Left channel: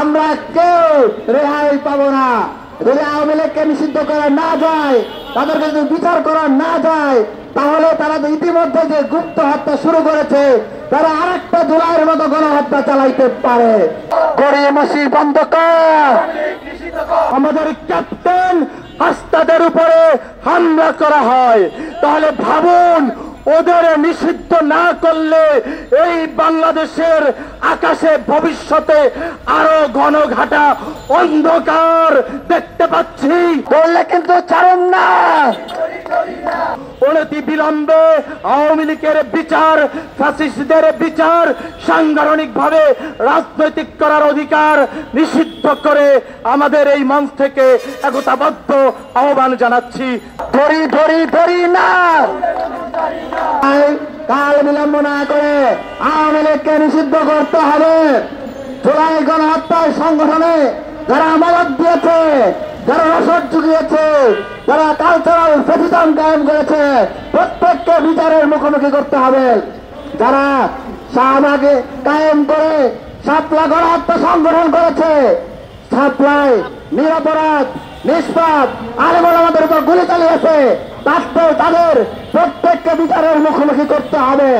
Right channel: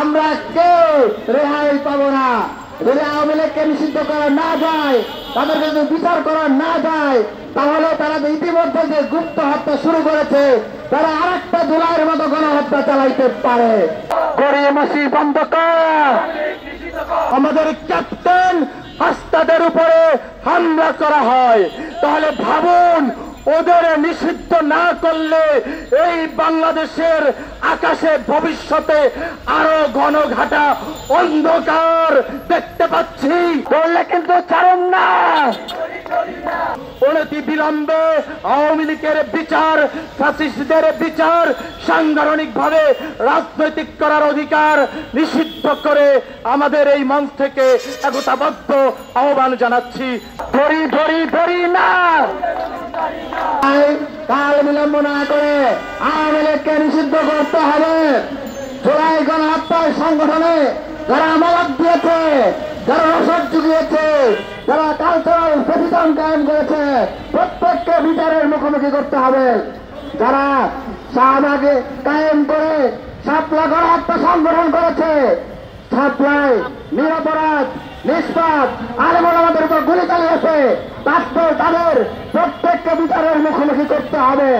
আমরা কেউ রেহাই পাবো না। যদি আওয়ামী লীগকে নিষিদ্ধ করা না যায়, তাদেরকে যদি বিচার করা না যায়, তাহলে তারা ইতিমধ্যে যে গুপ্ত হত্যা শুরু করেছে, তারা আরেকটা জুলাইয়ের মতো গণহত্যা চালাইতে পারে। গড়িমসি বন্ধ কর। আমাদের ক্যাপ্টেন হাসনাদের উপরে হামলা করা হয়, তাহলে ভাবুন ওদের নিষিদ্ধ না করলে এই বাংলাদেশের আকাশে ভবিষ্যতে আরো ঘনঘাটা অন্ধকার দেখতে পাচ্ছি। বললে কিন্তু ছাড়ুন না। অনতি বিলম্বে আওয়ামী লীগের বিচার, ফ্যাসিস্টদের বিচার সাংগঠনিক ভাবে রাজনৈতিক করার অধিকার নিষিদ্ধ করে আমাদের এই মঞ্চ থেকে একতাবদ্ধ আহ্বান জানাচ্ছি। ধরি ধরি ধরি না। কাল বিলম্ব না করে আওয়ামী লীগকে নিষিদ্ধ করতে হবে। জুলাই গণহত্যার সংগঠনে যারা মদত দিয়েছে, যারা রসদ জুগিয়েছে, যারা কালচারাল প্রতিষ্ঠান কায়েম করেছে, প্রত্যেককে বিচারের মুখোমুখি করতে হবে। যারা শাহবাগে কায়েম করে সাপলা গণহত্যা সংগঠন করেছে, সাপলায় নিরপরাধ নিষ্পাপ আলেমরা আমাদের উপর গুলি চালিয়েছে, তাদের প্রত্যেককে বিচারের মুখোমুখি করতে হবে।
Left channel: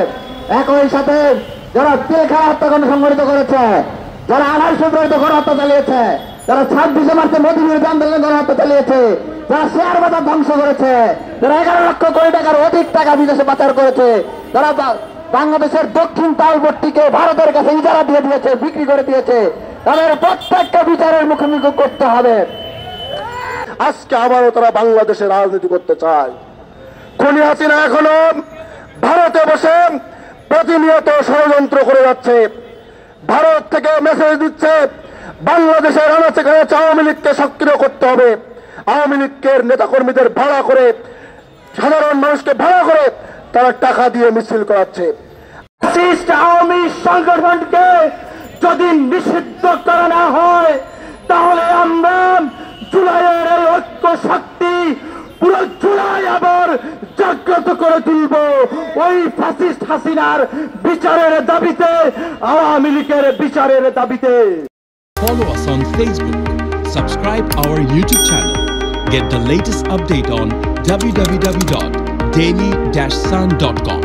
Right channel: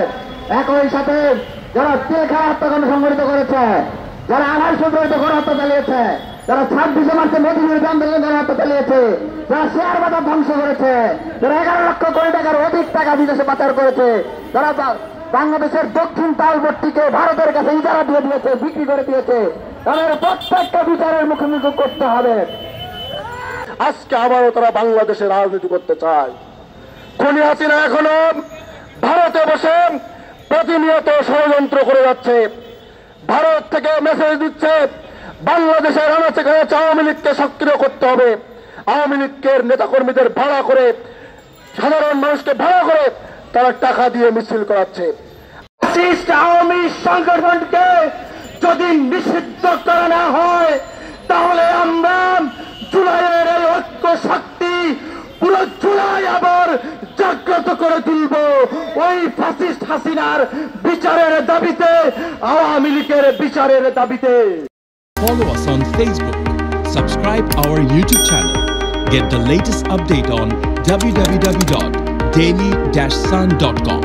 একই সাথে যারা তেখা হত্যাকাণ্ড সংগঠিত করেছে, যারা আধার সংক্রান্ত গণহত্যা চালিয়েছে, যারা 26শে মার্চে মোদী বিরোধী আন্দোলন গণহত্যা চালিয়েছে, যারা শেয়ার বাজার ধ্বংস করেছে, যারা 11 লক্ষ কোটি টাকার অধিক টাকা বিদেশে পাচার করেছে, যারা বাংলাদেশের দক্ষিণ তালপট্টিকে ভারতের কাছে ইজারা দিয়ে দিয়েছে, বিক্রি করে দিয়েছে, তাদের প্রত্যেকটা বিচারের মুখোমুখি করতে হবে। আজকে আবারও তারা বাংলাদেশে রাজনীতি করতে চায়। খুনি হাসিনা এখনো ভারতে বসে প্রতিনিয়ত ষড়যন্ত্র করে যাচ্ছে। ভারত থেকে মেসেজ দিচ্ছে বাংলাদেশের আনাচে কানাচে আওয়ামী লীগকে সক্রিয় করতে হবে। আওয়ামী লীগের নেতাকর্মীদের ভাড়া করে, সাধারণ মানুষকে ভাড়া করে তারা টাকা দিয়ে মিছিল করাচ্ছে। আওয়ামী সংগঠনকে যদি নিষিদ্ধ করা না হয়, তাহলে আমরা জুলাইয়ের এই ঐক্য শক্তি পুরো জুলাই আবার জাগ্রত করে তুলব। ওই ফ্যাসিস্ট হাসিনার বিচারের দাবিতে, আওয়ামী লীগের বিচারের দাবিতে। Follow us on Facebook. Subscribe our YouTube channel. Get the latest update on www.daily-sun.com.